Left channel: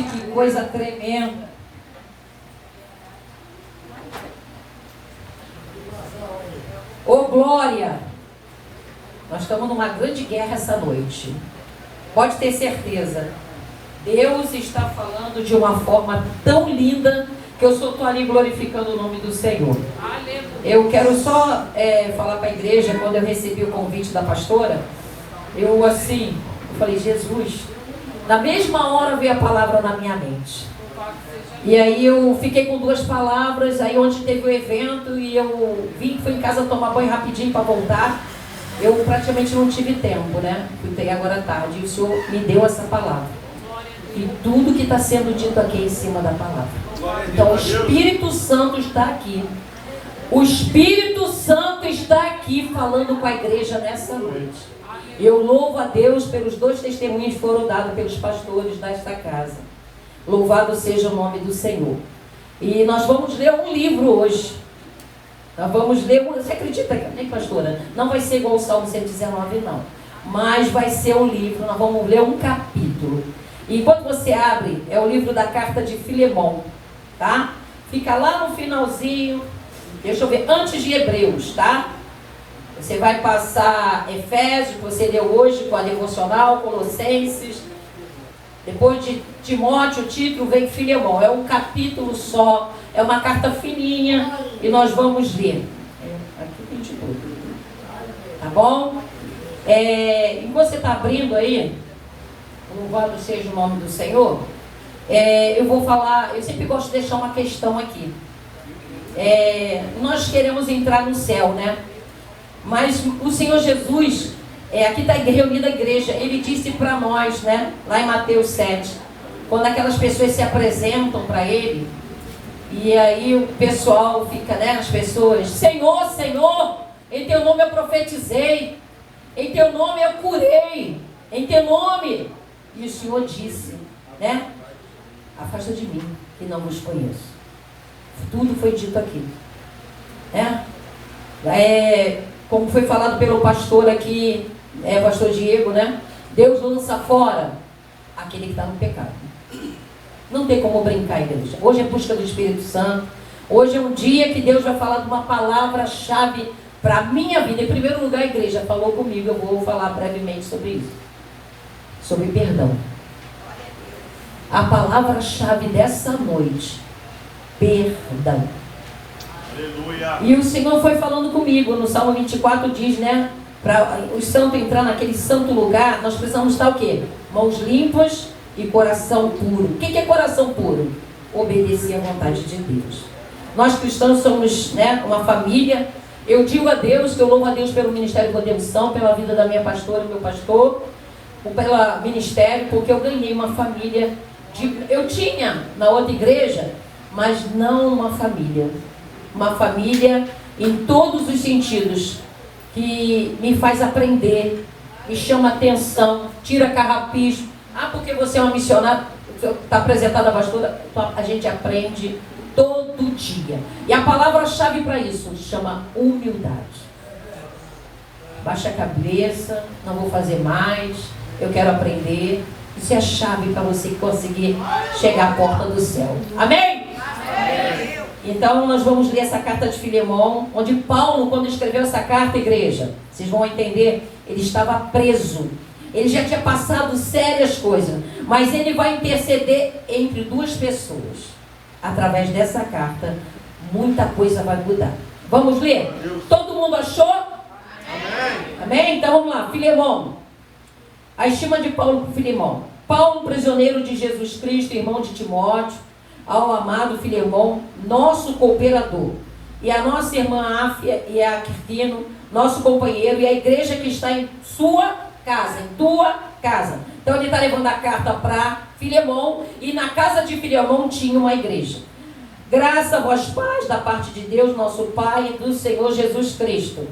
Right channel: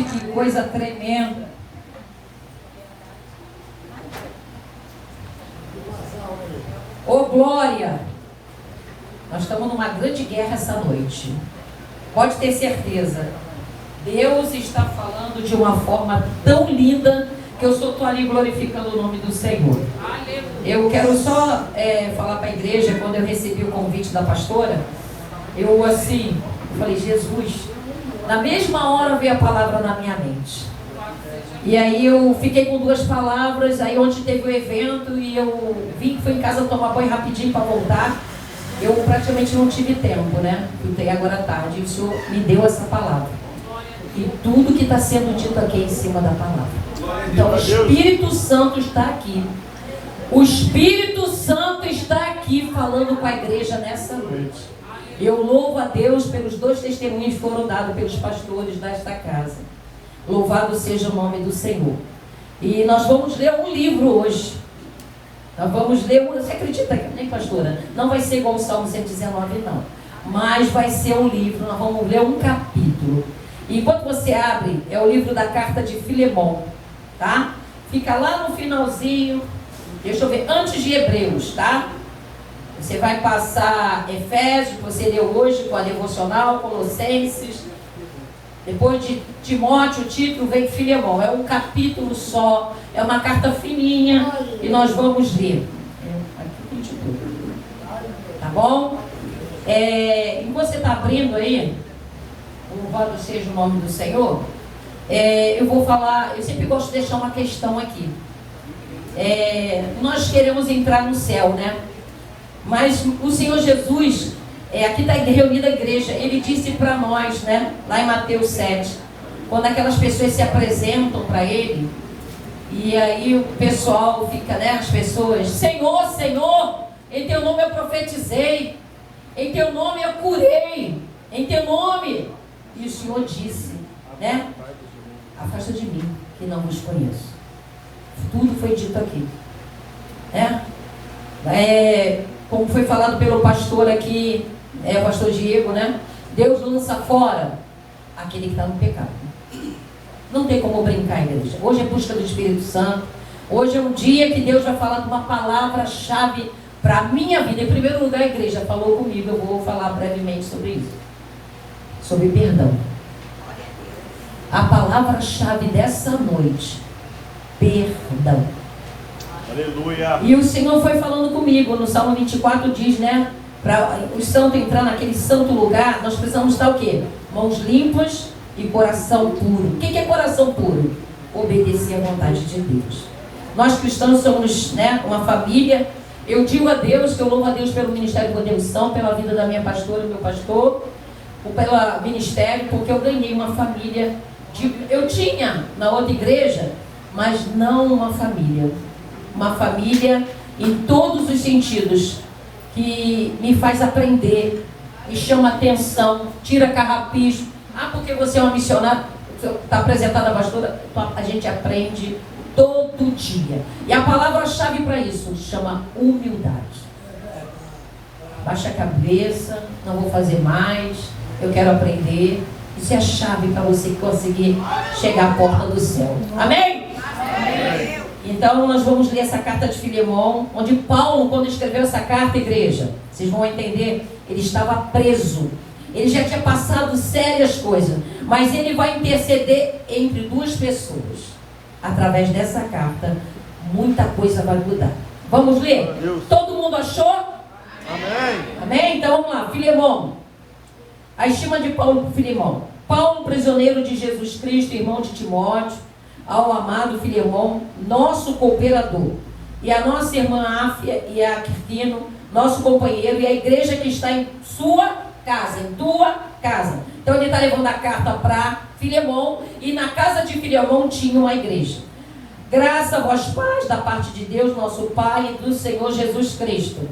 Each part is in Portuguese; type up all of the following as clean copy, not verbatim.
Gente, que coisa tremenda. Ô glória! Nós estamos numa grande guerra essa noite. Pode ter certeza. Deus está falando de uma forma tão linda que eu só estou ali glorificando o nome do Senhor. Eu quero só falar para a igreja, quando eu recebi o convite da pastora, eu falei, Jesus, na mesma hora veio a palavra na minha mente. E aí eu fiquei com duas palavras, aí onde teve o evento, e eu fui em casa tomar banho rapidinho para voltar. Eu praticamente não tive tempo, né? Fui agora à tarde, e o Senhor me deu essa palavra. E tudo que está sendo dito aqui é em cima da palavra. Então o Espírito Santo está aqui. O Espírito Santo está aqui falando com a igreja nessa noite. Eu louvo a Deus pelos 2 testemunhos que foram dados pelos pastores desta casa. Louvado seja o nome do Senhor. E nós vamos ler um livro hoje. Nós vamos ler, você acredita, né, pastora? Não vai ser igual o Salmo 119, não. Mas vai ser um livro, nós vamos ler um capítulo. E enquanto você abre, é o livro da carta de Filemão, tá? Fica lá no finalzinho, deixa eu ver, antes de Hebreus, tá? Você vai passar Efésios, que você leu hoje com a devocional, Colossenses. Depois de Timóteo, o título vem Filemão. É um capítulo só, é uma carta fininha e nós vamos ler. Aqui tem título. Tá bom? E você está abrindo aí, louvado seja o nome do Senhor. Eu vou falar, eu sempre gosto de deixar uma questão aqui. Nós queremos entrar no céu, né? Mas o Senhor Jesus, aqui está reunida a igreja, ele disse para nós, né, lá em Mateus 7, quando aquelas pessoas se apresentam para ele, e aí o pessoal fica, né, as pessoas, Senhor, Senhor, em teu nome eu profetizei, em teu nome eu curei, em teu nome, e o Senhor disse, né, afasta de mim, que não vos conheço. Tudo foi dito aqui, né? Como foi falado pelo pastor aqui, pastor Diego, né? Deus lança fora aquele que está no pecado. Não tem como brincar, igreja. Hoje é busca do Espírito Santo. Hoje é um dia que Deus vai falar de uma palavra-chave para a minha vida. Em primeiro lugar, a igreja falou comigo. Eu vou falar brevemente sobre isso. Sobre perdão. A palavra-chave dessa noite: perdão. Aleluia. E o Senhor foi falando comigo. No Salmo 24 diz, né? Para o santo entrar naquele santo lugar, nós precisamos estar o quê? Mãos limpas e coração puro. O que é coração puro? Obedecer à vontade de Deus. Nós cristãos somos, né, uma família. Eu digo a Deus que eu louvo a Deus pelo ministério da devoção, pela vida da minha pastora, meu pastor, pelo ministério, porque eu ganhei uma família. Eu tinha na outra igreja, mas não uma família. Uma família em todos os sentidos, que me faz aprender, me chama atenção, tira carrapicho. Porque você é uma missionária, está apresentada a pastora, a gente aprende todo dia. E a palavra-chave para isso chama humildade. Baixa a cabeça, não vou fazer mais, eu quero aprender. Isso é a chave para você conseguir chegar à porta do céu. Amém? Amém. Então nós vamos ler essa carta de Filemão, onde Paulo, quando escreveu essa carta, igreja, vocês vão entender, ele estava preso. Ele já tinha passado sérias coisas, mas ele vai interceder entre duas pessoas. Através dessa carta, muita coisa vai mudar. Vamos ler? Todo mundo achou? Amém. Amém? Então vamos lá, Filemão. A estima de Paulo por Filemão. Paulo, prisioneiro de Jesus Cristo, irmão de Timóteo, ao amado Filemão, nosso cooperador, e a nossa irmã Áfia e a Quirtino, nosso companheiro, e a igreja que está em sua casa, em tua casa. Então ele está levando a carta para Filemão, e na casa de Filemão tinha uma igreja. Graça a vós, pais, da parte de Deus, nosso Pai, e do Senhor Jesus Cristo.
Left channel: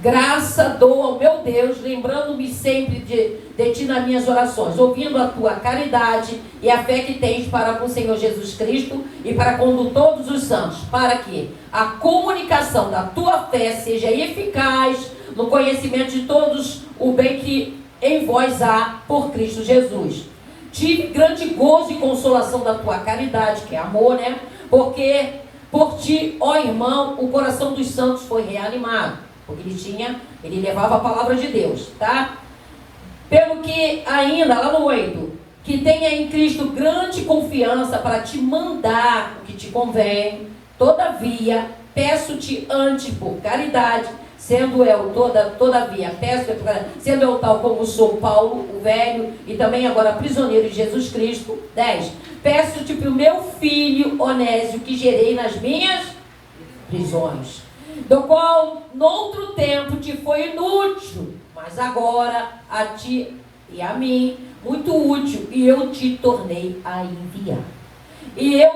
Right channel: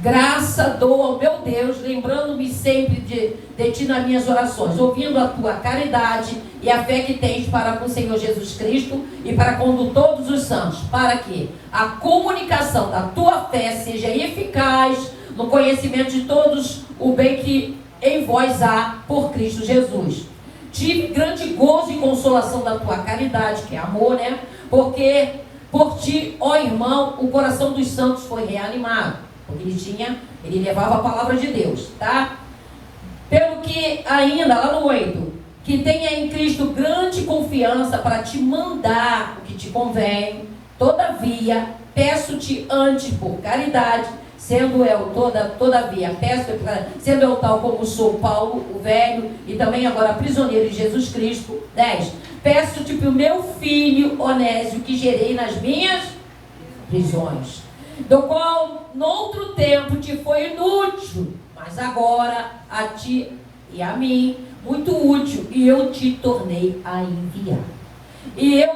Graça dou ao meu Deus, lembrando-me sempre de ti nas minhas orações, ouvindo a tua caridade e a fé que tens para com o Senhor Jesus Cristo e para com todos os santos, para que a comunicação da tua fé seja eficaz no conhecimento de todos o bem que em vós há por Cristo Jesus. tive grande gozo e consolação da tua caridade, que é amor, né? Porque por ti, ó irmão, o coração dos santos foi reanimado. Porque ele levava a palavra de Deus, tá? Pelo que ainda, lá no 8, que tenha em Cristo grande confiança para te mandar o que te convém. Todavia, peço-te antes por caridade, sendo eu sendo eu tal como sou Paulo, o velho, e também agora prisioneiro de Jesus Cristo. 10. Peço-te para o meu filho Onésio, que gerei nas minhas prisões, do qual noutro tempo te foi inútil, mas agora a ti e a mim muito útil, e eu te tornei a enviar. E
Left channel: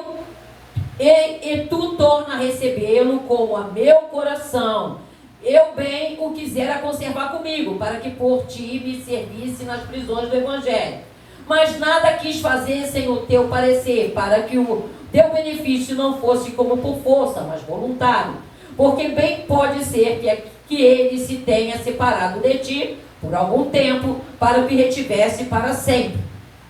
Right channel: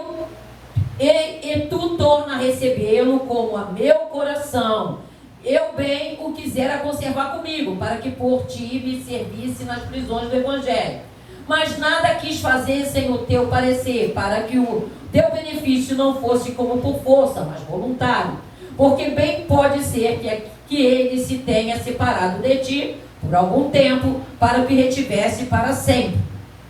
tu torna a recebê-lo como a meu coração. Eu bem o quisera conservar comigo, para que por ti me servisse nas prisões do Evangelho. Mas nada quis fazer sem o teu parecer, para que o teu benefício não fosse como por força, mas voluntário. Porque bem pode ser que ele se tenha separado de ti por algum tempo, para que retivesse para sempre.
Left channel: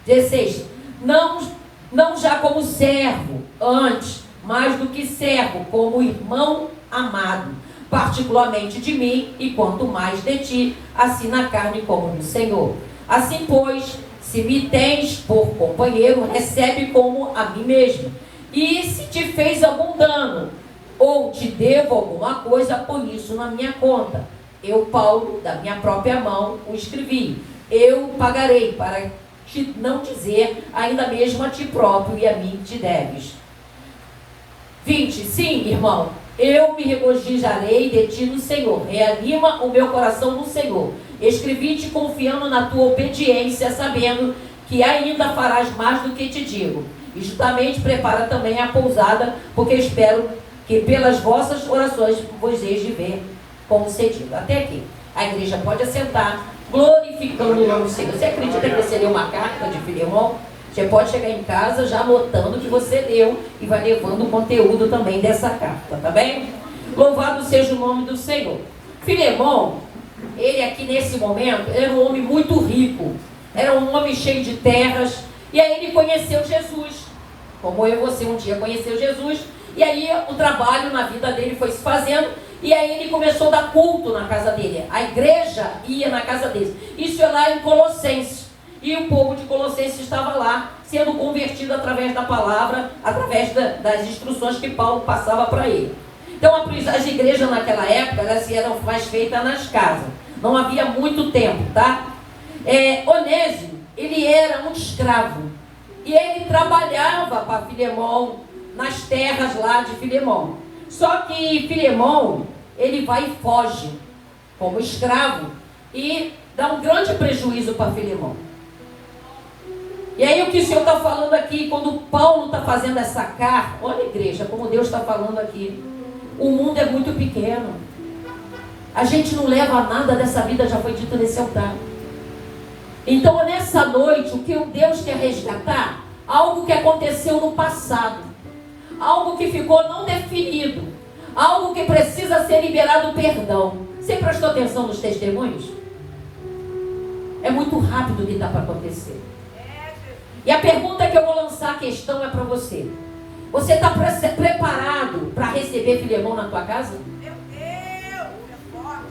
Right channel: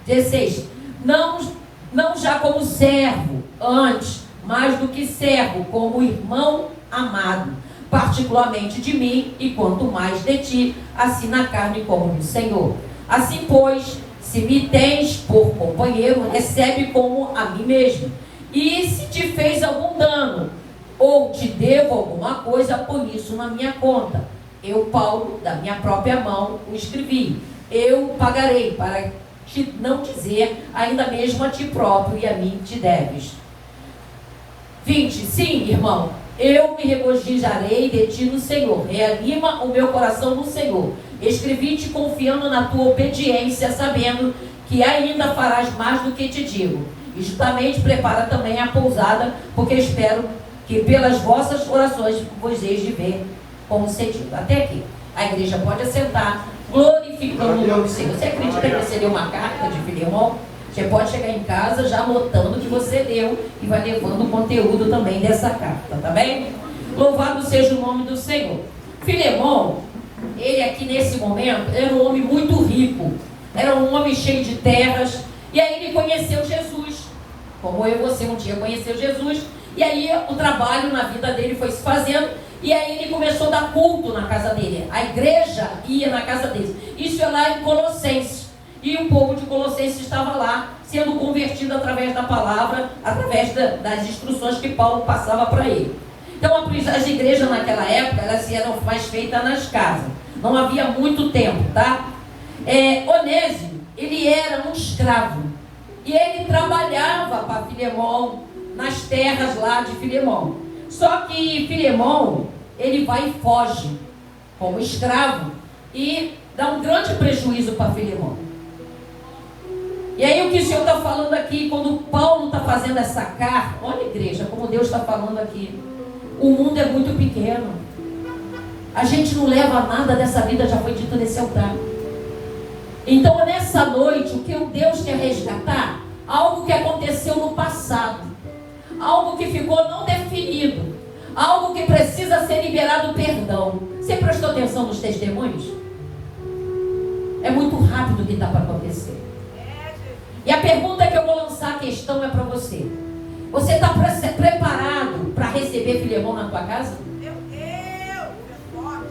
16. Não já como servo, antes, mais do que servo, como irmão amado, particularmente de mim, e quanto mais de ti, assim na carne como no Senhor. Assim, pois, se me tens por companheiro, recebe como a mim mesmo. E se te fez algum dano, ou te devo alguma coisa, por isso na minha conta. Eu, Paulo, da minha própria mão, o escrevi. Eu pagarei, para te não dizer ainda mesmo a ti próprio e a mim te deves. 20. Sim, irmão, eu me regozijarei de ti no Senhor. Reanima o meu coração no Senhor. Escrevi-te confiando na tua obediência, sabendo que ainda farás mais do que te digo. E justamente prepara também a pousada, porque espero que pelas vossas orações vos eis de ver concedido. Até aqui. A igreja pode assentar, glorificando o nome do Senhor. Você acredita que você leu uma carta de Filemão? Você pode chegar em casa já anotando que você leu e vai levando o conteúdo também dessa carta, tá bem? Louvado seja o nome do Senhor. Filemão, ele aqui nesse momento, era um homem muito rico, era um homem cheio de terras, e aí ele conheceu Jesus, como eu e você um dia conheceu Jesus, e aí o trabalho na vida dele foi se fazendo, e aí ele começou a dar culto na casa dele, a igreja ia na casa dele. Isso é lá em Colossenses. E o povo de Colossenses estava lá, sendo convertido através da palavra, através das instruções que Paulo passava para ele. Então, as igrejas naquela época, elas eram mais feitas nas casas. Não havia muito tempo, tá? Onésio, ele era um escravo. E ele trabalhava para Filemão, nas terras lá de Filemão. Só que Filemão, ele vai e foge, como escravo, e dá um grande prejuízo para Filemão. E aí o que o Senhor está falando aqui, quando Paulo está fazendo essa carta, olha igreja, como Deus está falando aqui, o mundo é muito pequeno, a gente não leva nada dessa vida, já foi dito nesse altar. Então nessa noite, o que o Deus quer resgatar, algo que aconteceu no passado, algo que ficou não definido, algo que precisa ser liberado perdão. Você prestou atenção nos testemunhos? É muito rápido o que está para acontecer. E a pergunta que eu vou lançar, a questão é para você. Você está preparado para receber Filemão na tua casa? Meu Deus, é forte.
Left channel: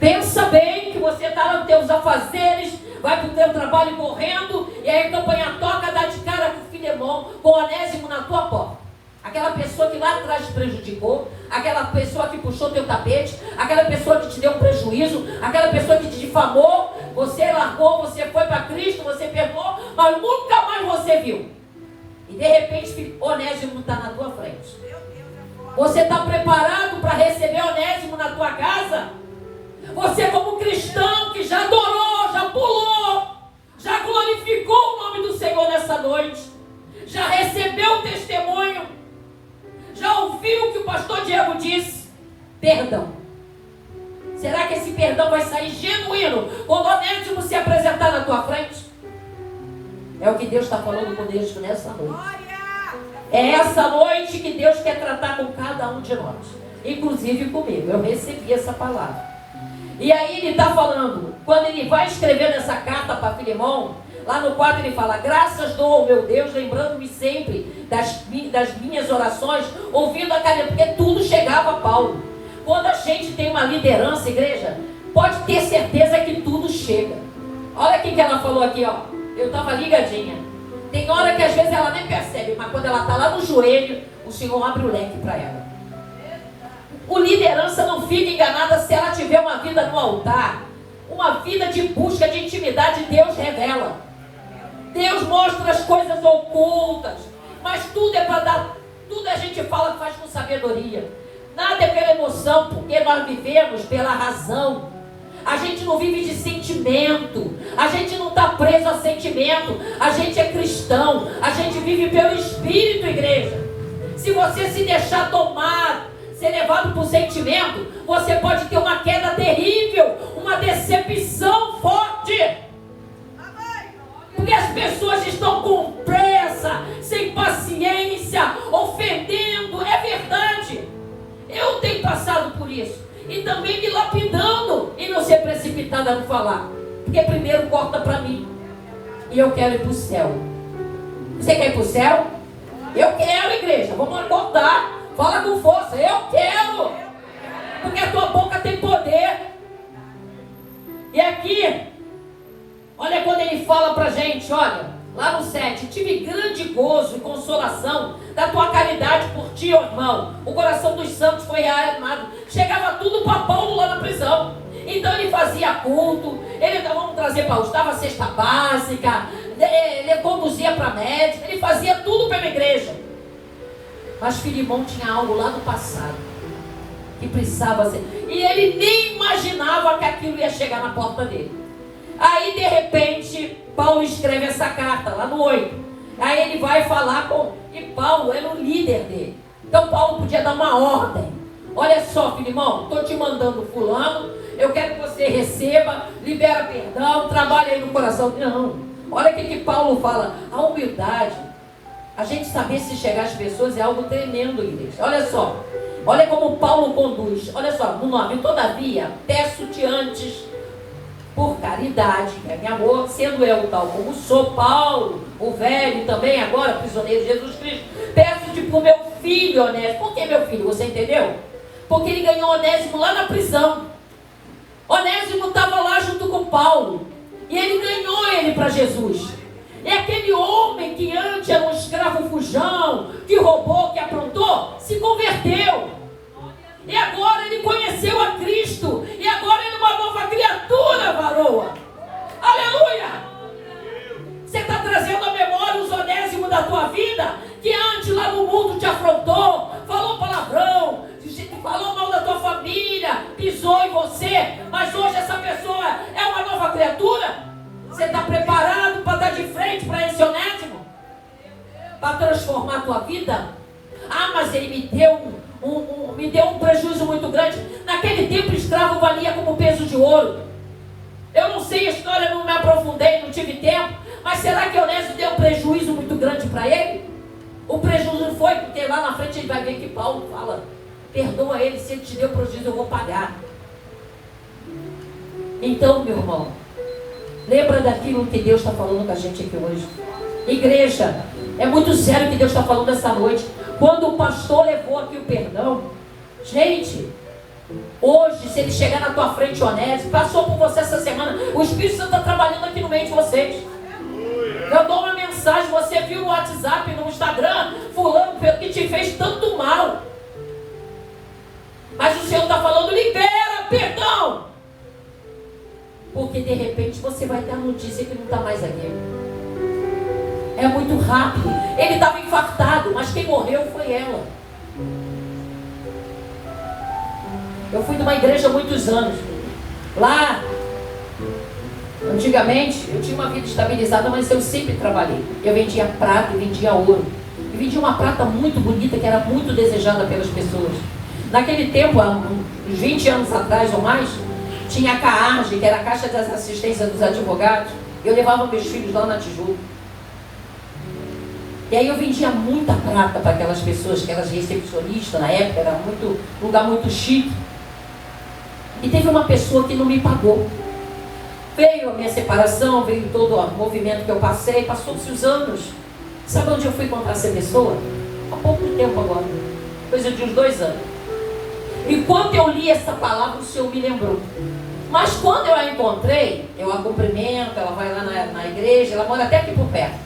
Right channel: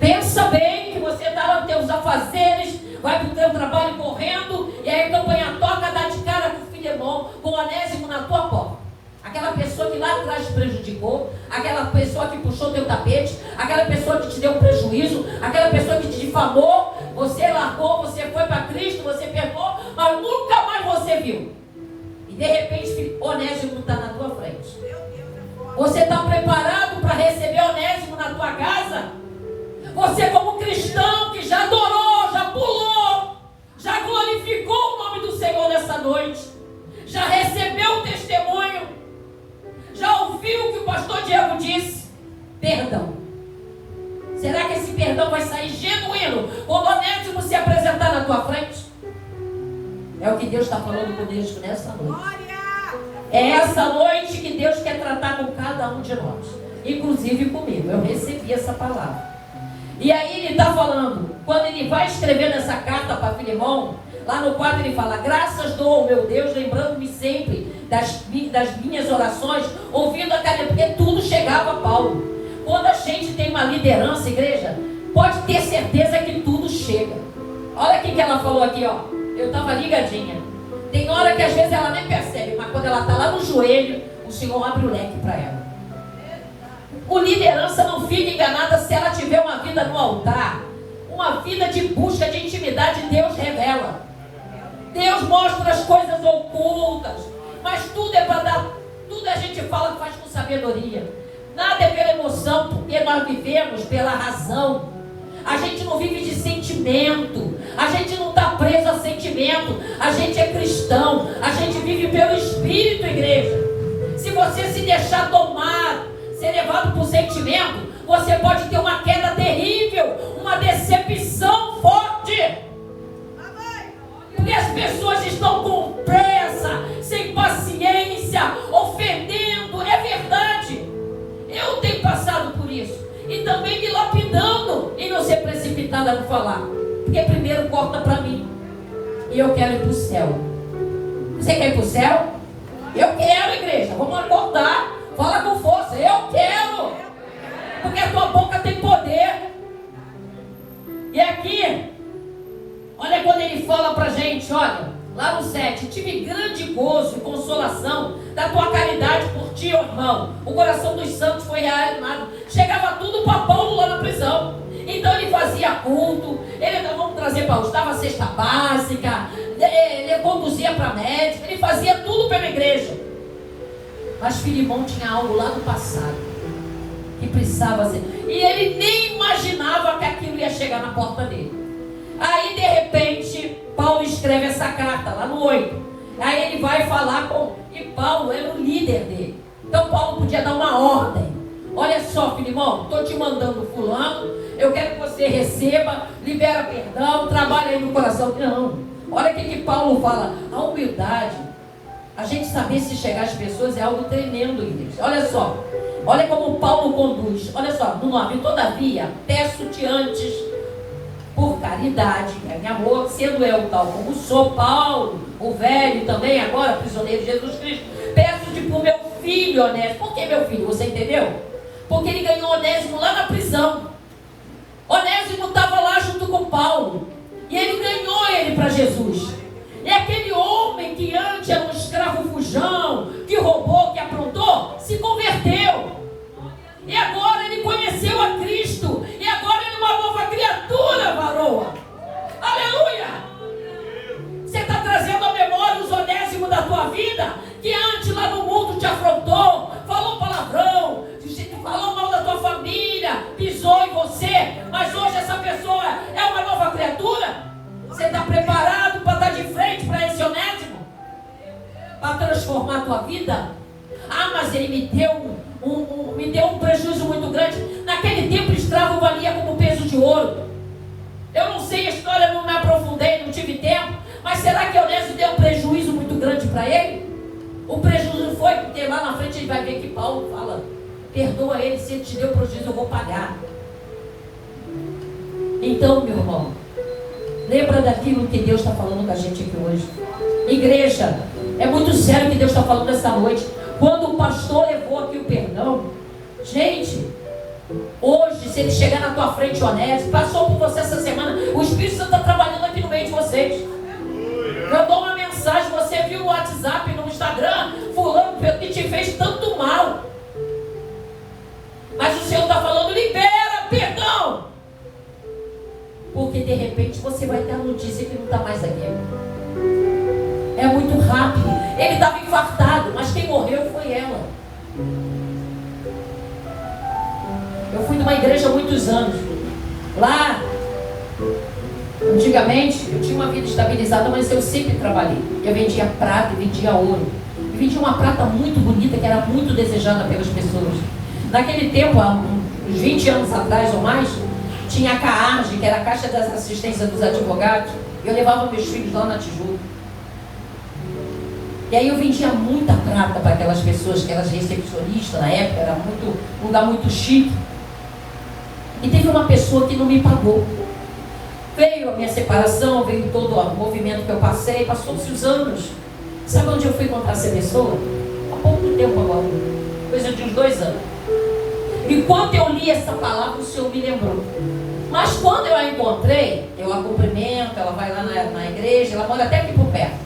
Pensa bem que você está nos teus afazeres, vai para o teu trabalho correndo, e aí a campanha toca, dá de cara com Filemão, com Onésimo na tua porta. Aquela pessoa que lá atrás te prejudicou, aquela pessoa que puxou teu tapete, aquela pessoa que te deu um prejuízo, aquela pessoa que te difamou, você largou, você foi para Cristo, você perdoou, mas nunca mais você viu. E de repente Onésimo está na tua frente. Você está preparado para receber Onésimo na tua casa? Você como cristão que já adorou, já pulou, já glorificou o nome do Senhor nessa noite, já recebeu o testemunho, já ouviu o que o pastor Diego disse? Perdão. Será que esse perdão vai sair genuíno quando Onésimo se apresentar na tua frente? É o que Deus está falando conosco nessa noite. É essa noite que Deus quer tratar com cada um de nós, inclusive comigo. Eu recebi essa palavra. E aí ele está falando, quando ele vai escrever essa carta para Filemão, Lá no 4 ele fala: graças dou ao meu Deus, lembrando-me sempre das minhas orações, ouvindo a caridade, porque tudo chegava a Paulo. Quando a gente tem uma liderança, igreja, pode ter certeza que tudo chega. Olha o que ela falou aqui, ó. Eu estava ligadinha. Tem hora que às vezes ela nem percebe, mas quando ela está lá no joelho, o Senhor abre o leque para ela. O liderança não fica enganada se ela tiver uma vida no altar, uma vida de busca de intimidade. Deus revela, Deus mostra as coisas ocultas, mas tudo é para dar, tudo a gente fala que faz com sabedoria, nada é pela emoção, porque nós vivemos pela razão. A gente não vive de sentimento, a gente não está preso a sentimento, a gente é cristão, a gente vive pelo Espírito, igreja. Se você se deixar tomar, ser levado por sentimento, você pode ter uma queda terrível, uma decepção forte. Porque as pessoas estão com pressa, sem paciência, ofendendo. É verdade. Eu tenho passado por isso. E também me lapidando e não ser precipitada no falar. Porque primeiro corta para mim. E eu quero ir para o céu. Você quer ir para o céu? Eu quero, igreja. Vamos cortar. Fala com força. Eu quero. Porque a tua boca tem poder. E aqui, olha quando ele fala para a gente, olha, lá no 7, tive grande gozo, consolação da tua caridade por ti, ó irmão. O coração dos santos foi reanimado. Chegava tudo para Paulo lá na prisão. Então ele fazia culto, ele, vamos trazer Paulo, dava cesta básica, ele conduzia para médico, ele fazia tudo pela igreja. Mas Filimão tinha algo lá do passado que precisava ser, e ele nem imaginava que aquilo ia chegar na porta dele. Aí de repente Paulo escreve essa carta lá no 8. Aí ele vai falar com, e Paulo era o líder dele. Então Paulo podia dar uma ordem: olha só, Filimão, estou te mandando fulano, eu quero que você receba, libera perdão, trabalha aí no coração. Não, olha o que Paulo fala. A humildade, a gente saber se chegar às pessoas é algo tremendo, igreja. Olha só, olha como Paulo conduz. Olha só, no 9: todavia, peço-te antes, por caridade, meu amor, sendo eu tal como sou, Paulo, o velho também, agora prisioneiro de Jesus Cristo, peço-te por meu filho Onésimo. Por que meu filho? Você entendeu? Porque ele ganhou Onésimo lá na prisão. Onésimo estava lá junto com Paulo, e ele ganhou ele para Jesus. É aquele homem que antes era um escravo fujão, que roubou, que aprontou, se converteu. E agora ele conheceu a Cristo. E agora ele é uma nova criatura, varoa. Aleluia! Você está trazendo à memória os Onésimos da tua vida, que antes lá no mundo te afrontou, falou palavrão, falou mal da tua família, pisou em você, mas hoje essa pessoa é uma nova criatura. Você está preparado para dar de frente para esse Onésimo? Para transformar a tua vida? Ah, mas ele me deu um prejuízo muito grande. Naquele tempo, o escravo valia como peso de ouro. Eu não sei a história, não me aprofundei, não tive tempo. Mas será que Onésimo deu um prejuízo muito grande para ele? O prejuízo foi porque lá na frente ele vai ver que Paulo fala: perdoa ele, se ele te deu prejuízo eu vou pagar. Então, meu irmão, lembra daquilo que Deus está falando com a gente aqui hoje. Igreja, é muito sério o que Deus está falando essa noite. Quando o pastor levou aqui o perdão, gente, hoje, se ele chegar na tua frente, Onésimo, passou por você essa semana, o Espírito Santo está trabalhando aqui no meio de vocês. Eu dou uma mensagem, você viu no WhatsApp, no Instagram, fulano que te fez tanto mal. Mas o Senhor está falando: libera perdão. Porque de repente você vai ter a notícia que não está mais aqui. É muito rápido. Ele estava infartado, mas quem morreu foi ela. Eu fui numa igreja há muitos anos. Lá, antigamente, eu tinha uma vida estabilizada, mas eu sempre trabalhei. Eu vendia prata e vendia ouro. E vendia uma prata muito bonita, que era muito desejada pelas pessoas. Naquele tempo, há uns 20 anos atrás ou mais, tinha a CAARG, que era a Caixa das Assistências dos Advogados. Eu levava meus filhos lá na Tijuca. E aí eu vendia muita prata para aquelas pessoas, aquelas recepcionistas na época, era um lugar muito chique. E teve uma pessoa que não me pagou. Veio a minha separação, veio todo o movimento que eu passei, passou-se os anos. Sabe onde eu fui encontrar essa pessoa? Há pouco tempo agora, coisa de uns 2 anos. E quando eu li essa palavra, o Senhor me lembrou. Mas quando eu a encontrei, eu a cumprimento, ela vai lá na igreja, ela mora até aqui por perto.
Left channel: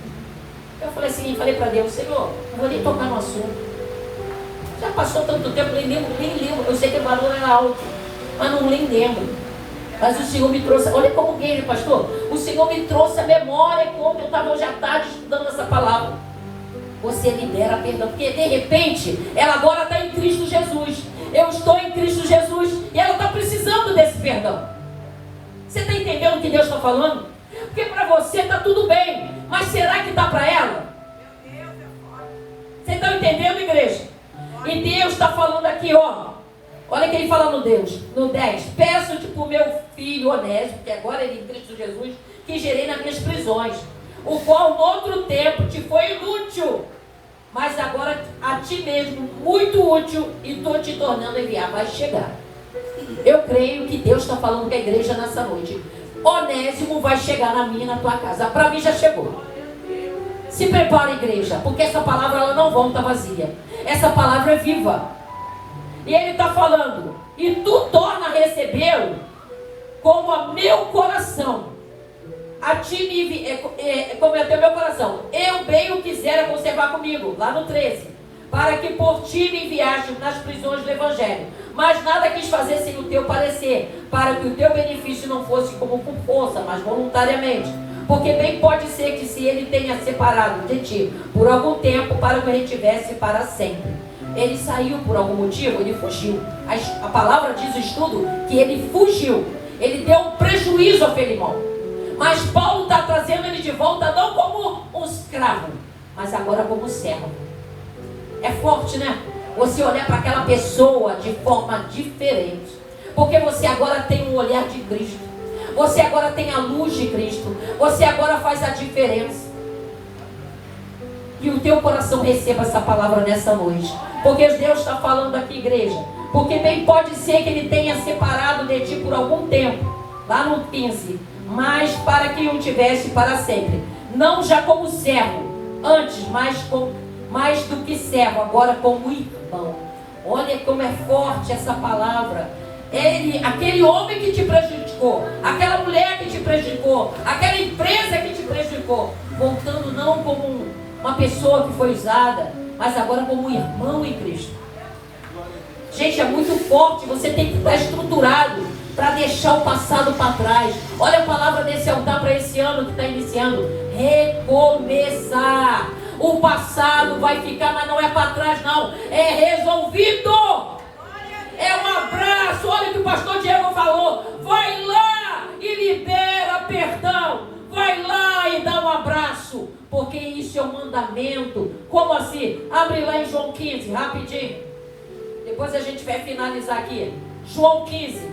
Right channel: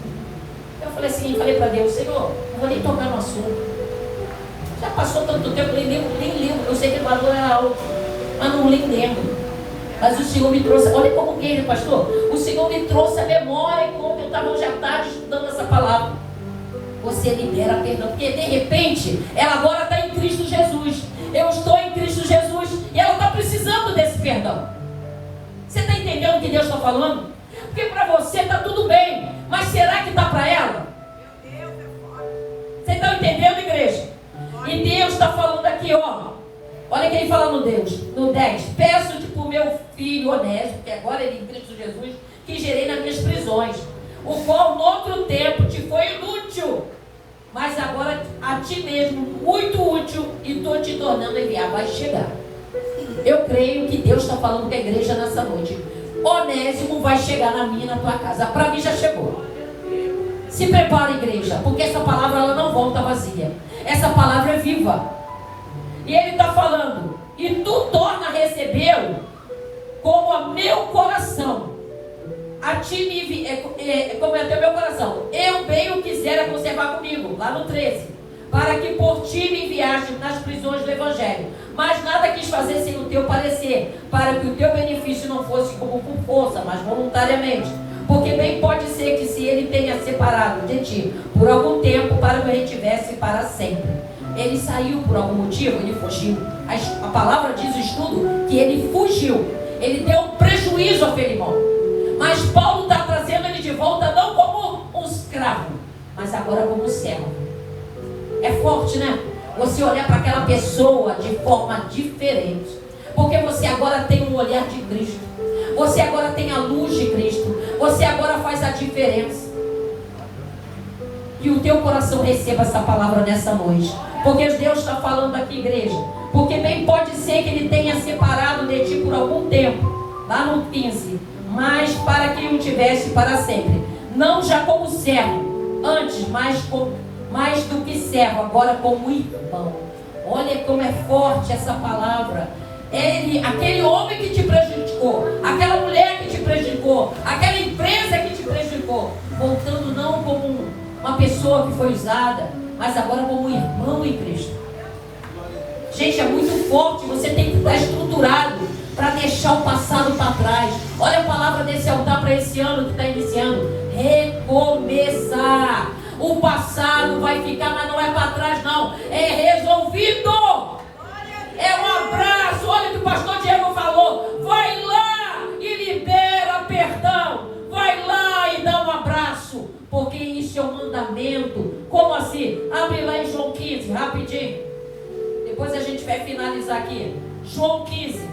Eu falei assim, falei para Deus, Senhor, não vou nem tocar no assunto. Já passou tanto tempo, nem lembro. Eu sei que o valor era alto, mas não lembro. Mas o Senhor me trouxe, olha como que pastor, o Senhor me trouxe a memória quando eu estava hoje à tarde estudando essa palavra. Você libera perdão, porque de repente, ela agora está em Cristo Jesus. Eu estou em Cristo Jesus e ela está precisando desse perdão. Você está entendendo o que Deus está falando? Porque para você está tudo bem, mas será que está para ela? Você está entendendo, igreja? E Deus está falando aqui, ó. Olha quem fala no 10. Peço-te por meu filho Onésimo, que agora ele em Cristo Jesus, que gerei nas minhas prisões, o qual no outro tempo te foi inútil, mas agora a ti mesmo muito útil, e estou te tornando enviar. Vai chegar. Eu creio que Deus está falando com a igreja nessa noite. Onésimo vai chegar na minha e na tua casa. Para mim já chegou. Se prepara, igreja, porque essa palavra ela não volta vazia. Essa palavra é viva. E ele está falando, e tu torna a recebê-lo como a meu coração. A ti me como é o meu coração. Eu bem o quisera conservar comigo, lá no 13. Para que por ti me enviaste nas prisões do Evangelho. Mas nada quis fazer sem o teu parecer, para que o teu benefício não fosse como por força, mas voluntariamente. Porque bem pode ser que se ele tenha separado de ti por algum tempo, para que eu retivesse para sempre. Ele saiu por algum motivo, ele fugiu. A palavra diz o estudo que ele fugiu. Ele deu um prejuízo a Filemão. Mas Paulo está trazendo ele de volta não como um escravo, mas agora como servo. É forte, né? Você olhar para aquela pessoa de forma diferente. Porque você agora tem um olhar de Cristo. Você agora tem a luz de Cristo. Você agora faz a diferença. Que o teu coração receba essa palavra nessa noite. Porque Deus está falando aqui, igreja. Porque bem pode ser que ele tenha separado de ti por algum tempo. Lá no 15. Mas para que o tivesse para sempre. Não já como servo. Antes, mais do que servo. Agora como irmão. Olha como é forte essa palavra. Aquele homem que te prejudicou. Aquela mulher que te prejudicou. Aquela empresa que te prejudicou. Voltando não como uma pessoa que foi usada, mas agora como um irmão em Cristo. Gente, é muito forte. Você tem que estar estruturado para deixar o passado para trás. Olha a palavra desse altar para esse ano que está iniciando. Recomeçar. O passado vai ficar, mas não é para trás não. É resolvido. É um abraço. Olha o que o pastor Diego falou. Vai lá e libera perdão. Vai lá e dá um abraço. Porque isso é um mandamento. Como assim? Abre lá em João 15, rapidinho. Depois a gente vai finalizar aqui. João 15.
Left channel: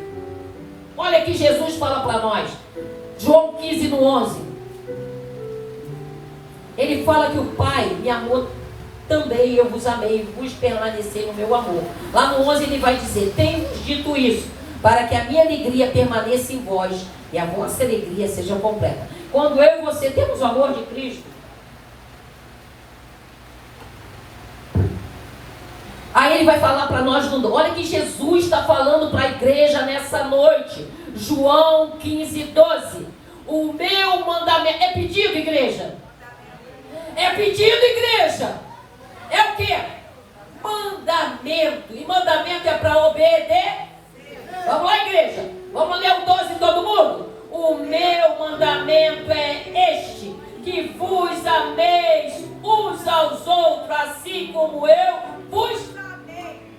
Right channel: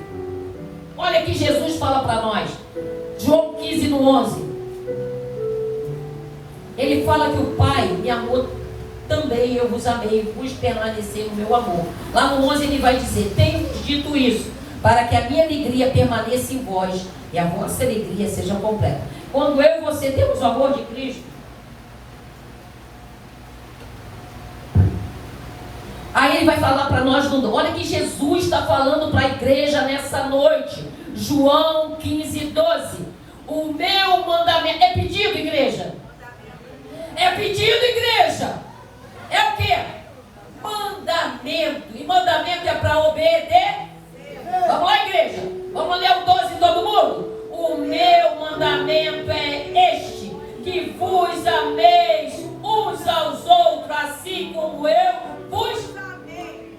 Olha que Jesus fala para nós. João 15 no 11. Ele fala que o Pai me amou também, eu vos amei, vos permaneci no meu amor. Lá no 11 ele vai dizer: tenho dito isso, para que a minha alegria permaneça em vós e a vossa alegria seja completa. Quando eu e você temos o amor de Cristo, aí ele vai falar para nós, olha que Jesus está falando para a igreja nessa noite. João 15, 12. O meu mandamento, é pedido, igreja? É pedido, igreja? É o quê? Mandamento. E mandamento é para obedecer. Vamos lá, igreja? Vamos ler o 12 todo mundo? O meu mandamento é este: que vos ameis uns aos outros, assim como eu vos amei.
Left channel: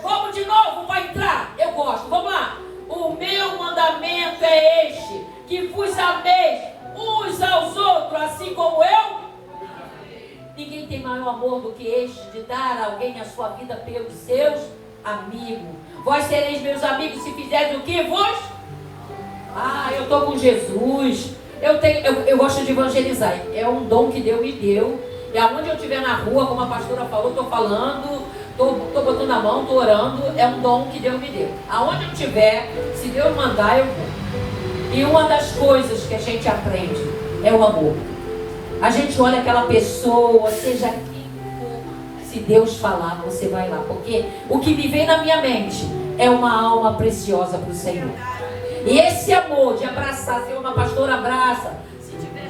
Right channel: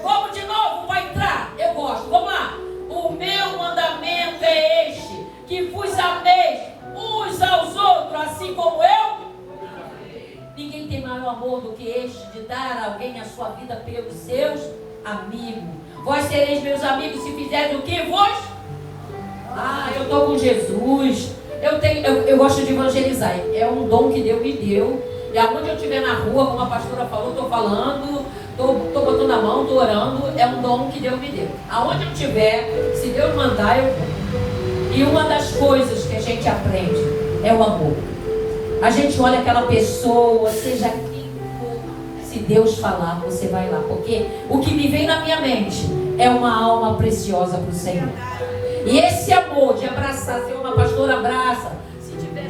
Vamos de novo para entrar. Eu gosto. Vamos lá. O meu mandamento é este: que vos ameis uns aos outros, assim como eu. Ninguém tem maior amor do que este, de dar a alguém a sua vida pelos seus amigos. Vós sereis meus amigos se fizerem o que vos? Eu estou com Jesus. Eu gosto de evangelizar. É um dom que Deus me deu. E aonde eu estiver na rua, como a pastora falou, estou falando, estou botando a mão, estou orando. É um dom que Deus me deu. Aonde eu estiver, se Deus mandar, eu vou. E uma das coisas que a gente aprende é o amor. A gente olha aquela pessoa, seja quem for, se Deus falar, você vai lá. Porque o que me vem na minha mente é uma alma preciosa para o Senhor. E esse amor de abraçar, Senhor, uma pastora abraça. Se tiver,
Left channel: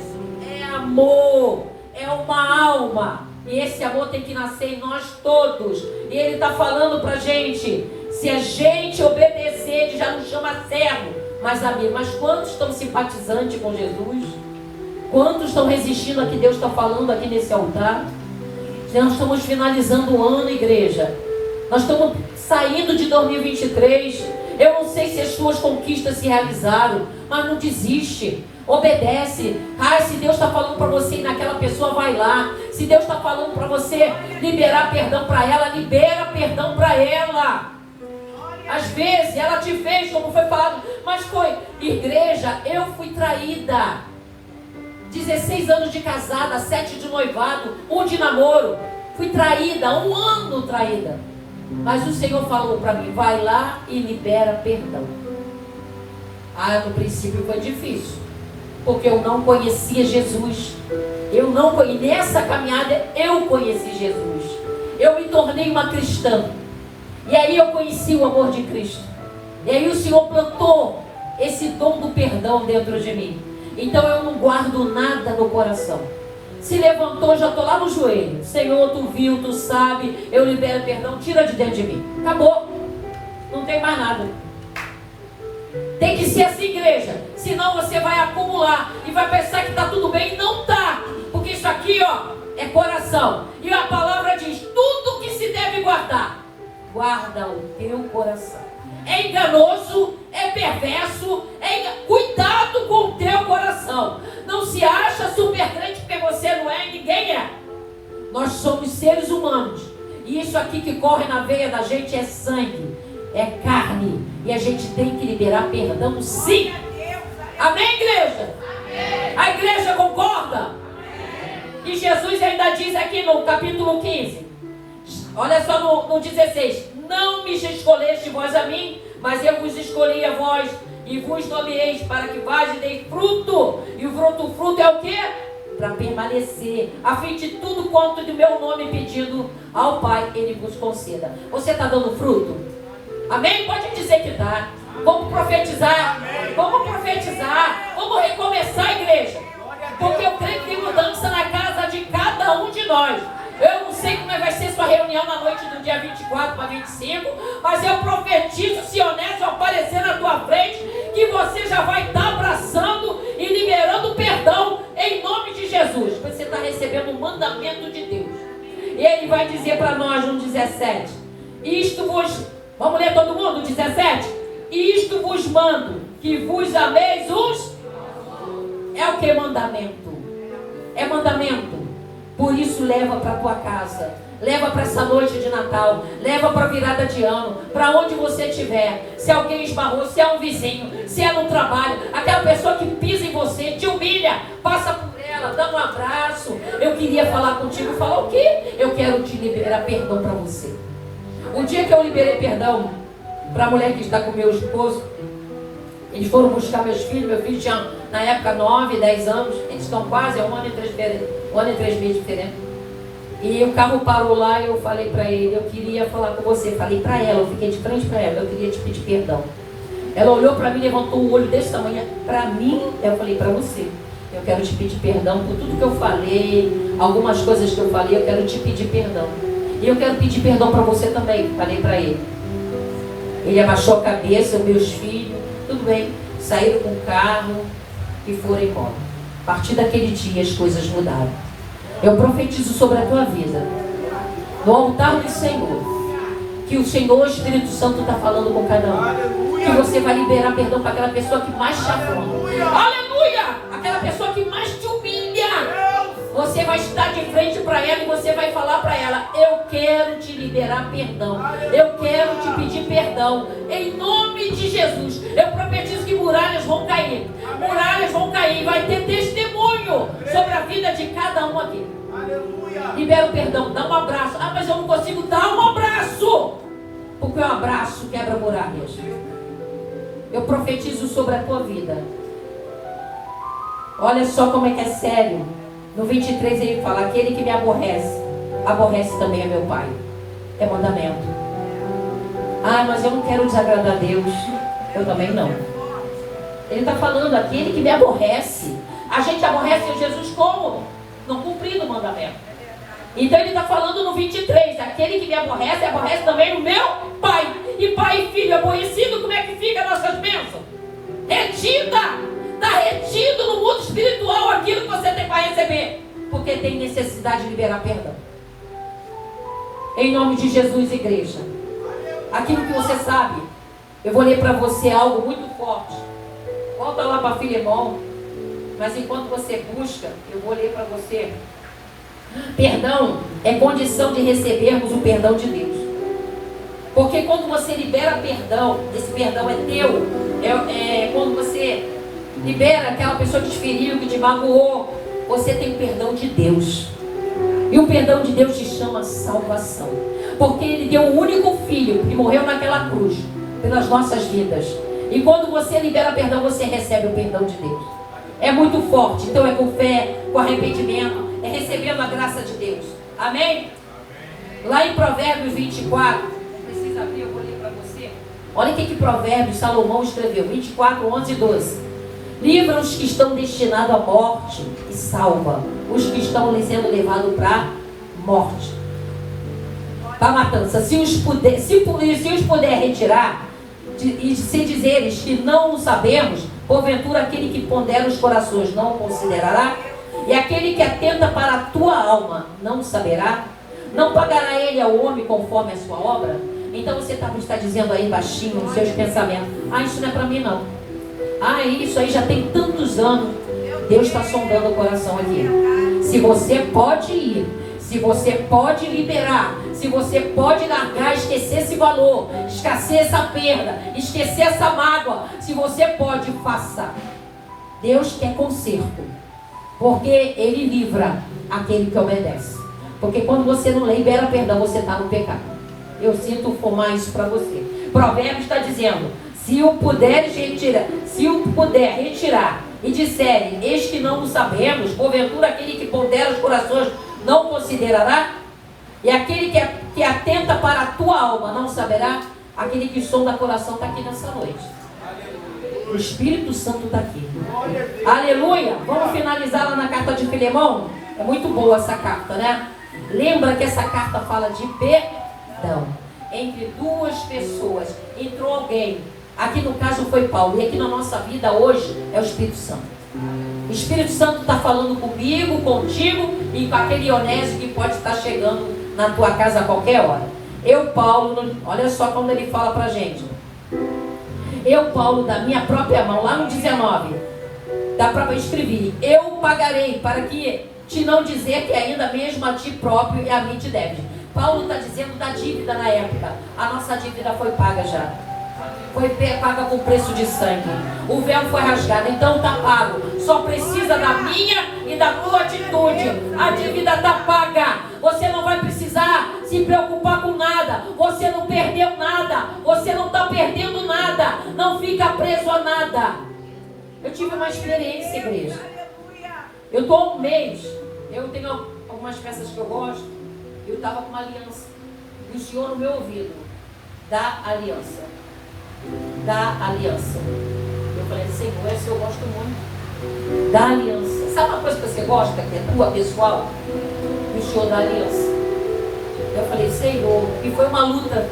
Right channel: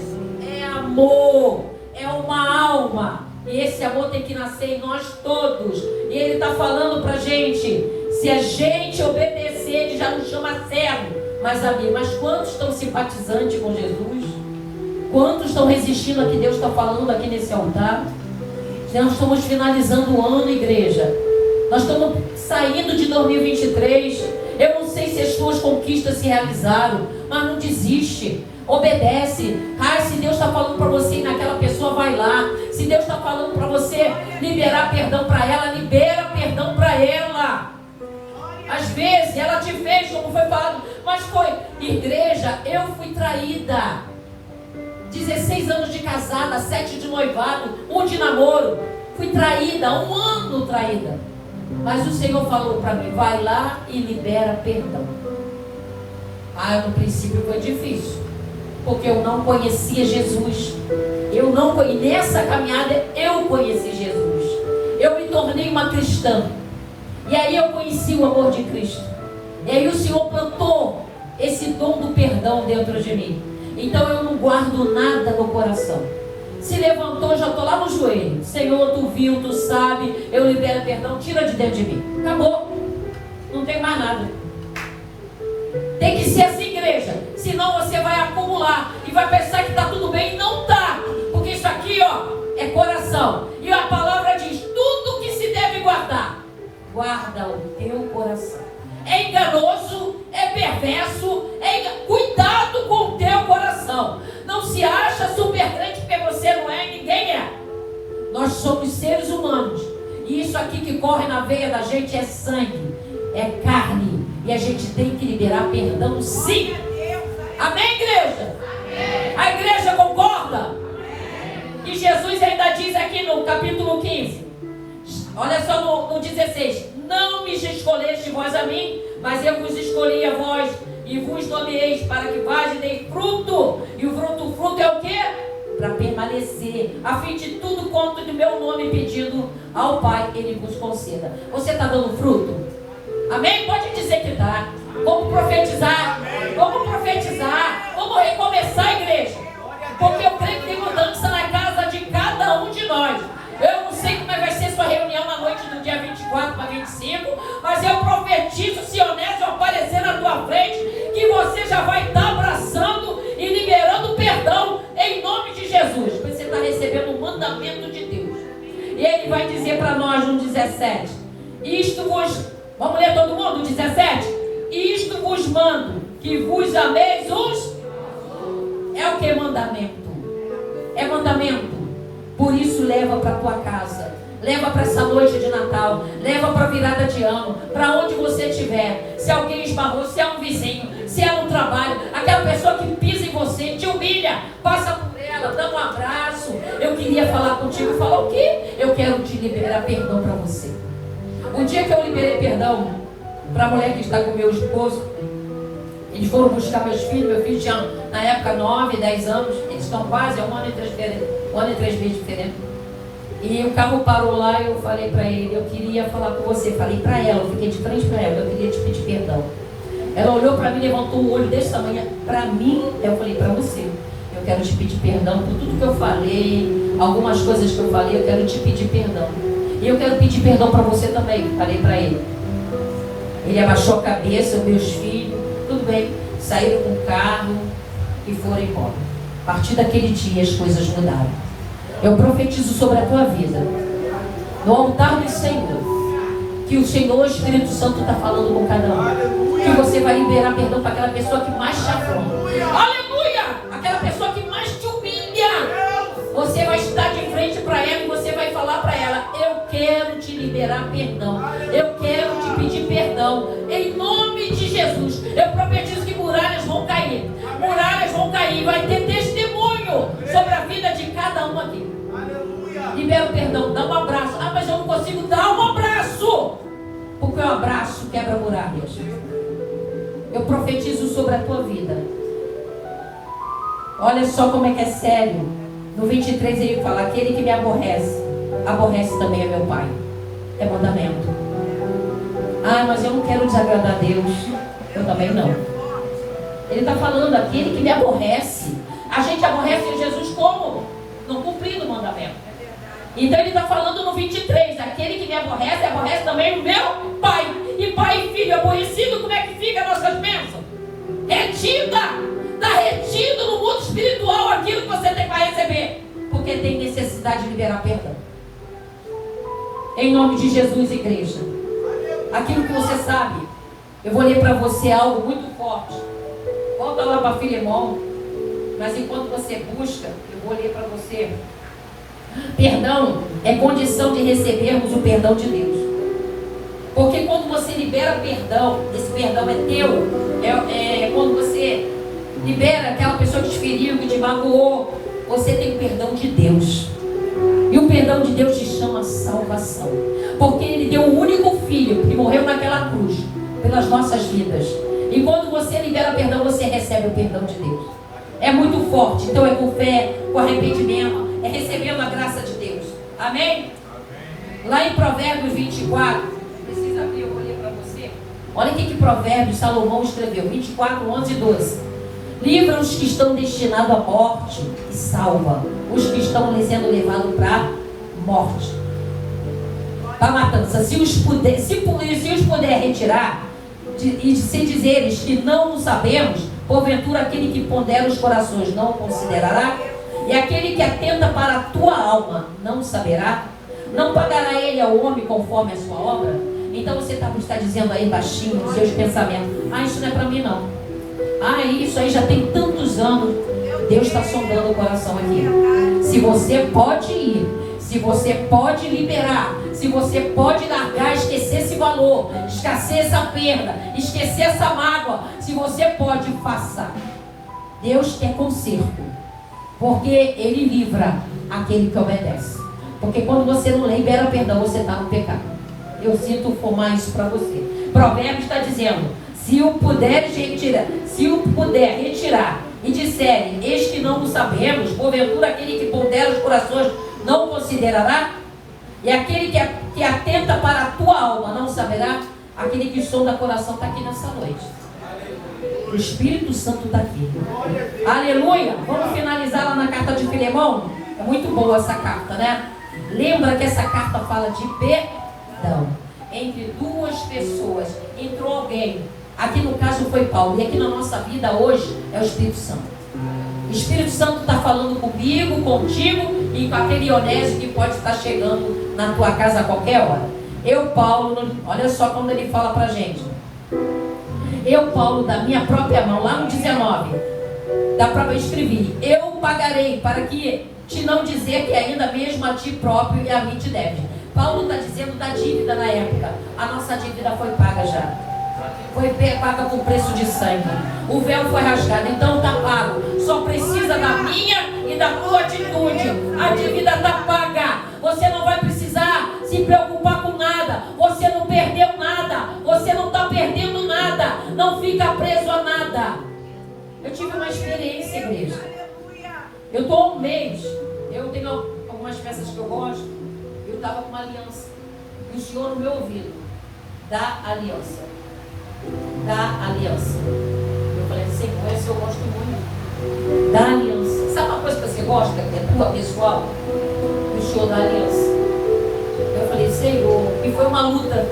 é amor, é uma alma. E esse amor tem que nascer em nós todos. E Ele está falando para a gente, se a gente obedecer, Ele já nos chama servo. Mas amigo, mas quantos estão simpatizantes com Jesus? Quantos estão resistindo ao que Deus está falando aqui nesse altar? Nós estamos finalizando o ano, igreja. Nós estamos saindo de 2023. Eu não sei se as suas conquistas se realizaram, mas não desiste. Obedece. Se Deus está falando para você ir naquela pessoa, vai lá. Se Deus está falando para você liberar perdão para ela, libera perdão para ela. Às vezes ela te fez, como foi falado, mas foi, igreja, eu fui traída. 16 anos de casada, 7 de noivado, 1 de namoro. Fui traída, 1 ano traída. Mas o Senhor falou para mim, vai lá e libera perdão. No princípio foi difícil, porque eu não conhecia Jesus. Nessa caminhada eu conheci Jesus. Eu me tornei uma cristã. E aí eu conheci o amor de Cristo. E aí o Senhor plantou esse dom do perdão dentro de mim. Então eu não guardo nada no coração. Se levantou, já estou lá no joelho. Senhor, tu viu, tu sabe, eu libero perdão, tira de dentro de mim. Acabou. Não tem mais nada. Tem que ser assim, igreja. Senão você vai acumular e vai pensar que está tudo bem e não está. Porque isso aqui, é coração. E a palavra diz, tudo que se deve guardar, guarda o teu coração. É enganoso, é perverso, cuidado com o teu coração. Não se acha super crente porque você não é, ninguém é. Nós somos seres humanos. E isso aqui que corre na veia da gente é sangue, é carne. E a gente tem que liberar perdão, sim. Amém, igreja? Amém. A igreja concorda? Amém. E Jesus ainda diz aqui no capítulo 15. Olha só no 16. Não me escolheste vós a mim, mas eu vos escolhi a vós e vos nomeeis para que vós e deis fruto. E o fruto é o quê? Para permanecer, a fim de tudo quanto do meu nome pedido ao Pai, Ele vos conceda. Você está dando fruto? Amém? Pode dizer que está. Vamos profetizar. Vamos profetizar. Vamos recomeçar, igreja. Porque eu creio que tem mudança na casa de cada um de nós. Eu não sei como vai ser sua reunião na noite do dia 24 para 25, mas eu profetizo, se honesto aparecer na tua frente, que você já vai estar abraçando e liberando perdão em nome de Jesus. Você está recebendo o mandamento de Deus. E Ele vai dizer para nós no 17: vamos ler todo mundo? 17: isto vos mando, que vos ameis uns. É o que mandamento? É mandamento. Por isso leva para a tua casa, leva para essa noite de Natal, leva para a virada de ano, para onde você estiver. Se alguém esbarrou, se é um vizinho, se é no trabalho, aquela pessoa que pisa em você, te humilha, passa por ela, dá um abraço. Eu queria falar contigo, falar o quê? Eu quero te liberar perdão para você. O dia que eu liberei perdão para a mulher que está com meu esposo, eles foram buscar meus filhos. Meu filho tinha, na época, 9, 10 anos. Eles estão quase 1 ano e 3 meses diferente. E o carro parou lá e eu falei para ele, eu queria falar com você. Falei para ela, eu fiquei de frente para ela, eu queria te pedir perdão. Ela olhou para mim, levantou o olho desse tamanho. Para mim, eu falei para você, eu quero te pedir perdão por tudo que eu falei, algumas coisas que eu falei, eu quero te pedir perdão. E eu quero pedir perdão para você também, falei para ele. Ele abaixou a cabeça, os meus filhos, tudo bem, saíram com o carro e foram embora. A partir daquele dia as coisas mudaram. Eu profetizo sobre a tua vida, no altar do Senhor, que o Senhor, o Espírito Santo, está falando com cada um. Que você vai liberar perdão para aquela pessoa que mais te afronta. Aleluia! Aquela pessoa que mais te humilha. Você vai estar de frente para ela e você vai falar para ela: eu quero te liberar perdão. Eu quero te pedir perdão. Em nome de Jesus. Eu profetizo que muralhas vão cair. Muralhas vão cair. Vai ter testemunho sobre a vida de cada um aqui. Libera o perdão. Dá um abraço. Mas eu não consigo dar um abraço. Porque o abraço quebra muralhas. Eu profetizo sobre a tua vida Olha só como é que é sério. No 23 ele fala: aquele que me aborrece, aborrece também a meu Pai. É mandamento. Ah, mas eu não quero desagradar a Deus. Eu também não. Ele está falando: aquele que me aborrece. A gente aborrece Jesus como? Não cumprindo o mandamento. Então ele está falando no 23: aquele que me aborrece, aborrece também o meu Pai. E pai e filho aborrecido, como é que fica as nossas bênçãos? Retida. Está retido no mundo espiritual aquilo que você tem para receber. Porque tem necessidade de liberar perdão. Em nome de Jesus, igreja. Aquilo que você sabe. Eu vou ler para você algo muito forte. Volta lá para Filemão. Mas enquanto você busca, eu vou ler para você. Perdão é condição de recebermos o perdão de Deus. Porque quando você libera perdão, esse perdão é teu. Quando você libera aquela pessoa que te feriu, que te magoou, você tem o perdão de Deus. E o perdão de Deus se chama salvação. Porque Ele deu o único filho que morreu naquela cruz pelas nossas vidas. E quando você libera perdão, você recebe o perdão de Deus. É muito forte. Então é com fé, com arrependimento, é recebendo a graça de Deus. Amém? Lá em Provérbios 24, precisa abrir, eu vou ler para você. Olha o que Provérbios, Salomão escreveu, 24, 11 e 12. Livra os que estão destinados à morte e salva os que estão sendo levados para a morte, para a matança. Se os puder retirar, e se dizeres que não o sabemos, porventura aquele que pondera os corações não o considerará, e aquele que atenta para a tua alma não o saberá, não pagará ele ao homem conforme a sua obra. Então você está dizendo aí baixinho nos seus pensamentos: ah, isso não é para mim não. Ah, isso aí já tem tantos anos. Deus está sondando o coração aqui. Se você pode ir, se você pode liberar, se você pode largar, esquecer esse valor, esquecer essa perda, esquecer essa mágoa, se você pode, faça. Deus quer conserto, porque Ele livra aquele que obedece. Porque quando você não libera perdão, você está no pecado. Eu sinto formar isso para você. Provérbios está dizendo: se o puder retirar e disserem, eis que não o sabemos, porventura aquele que pondera os corações não o considerará, e aquele que atenta para a tua alma não saberá. Aquele que sonda o coração está aqui nessa noite. O Espírito Santo está aqui. Aleluia! Vamos finalizar lá na carta de Filemão? É muito boa essa carta, né? Lembra que essa carta fala de perdão. Entre duas pessoas entrou alguém. Aqui no caso foi Paulo. E aqui na nossa vida hoje é o Espírito Santo. O Espírito Santo está falando comigo, contigo e com aquele Onésio que pode estar chegando na tua casa a qualquer hora. Eu, Paulo, olha só como ele fala para a gente. Eu, Paulo, da minha própria mão, lá no 19, da própria escrevi: eu pagarei, para que te não dizer que ainda mesmo a ti próprio e a mim te deves. Paulo está dizendo da dívida na época. A nossa dívida foi paga já. Foi paga com preço de sangue. O véu foi rasgado, então está pago. Só precisa da minha e da tua atitude. A dívida está paga. Você não vai precisar se preocupar com nada. Você não perdeu nada. Você não está perdendo nada. Não fica preso a nada. Eu tive uma experiência, igreja. Eu estou há um mês. Eu tenho algumas peças que eu gosto. Eu estava com uma aliança. E o Senhor no meu ouvido: da aliança. Da aliança. Eu falei: Senhor, esse eu gosto muito. Da aliança. Sabe uma coisa que você gosta, que é tua pessoal? O Senhor da aliança. Eu falei: Senhor, e foi uma luta.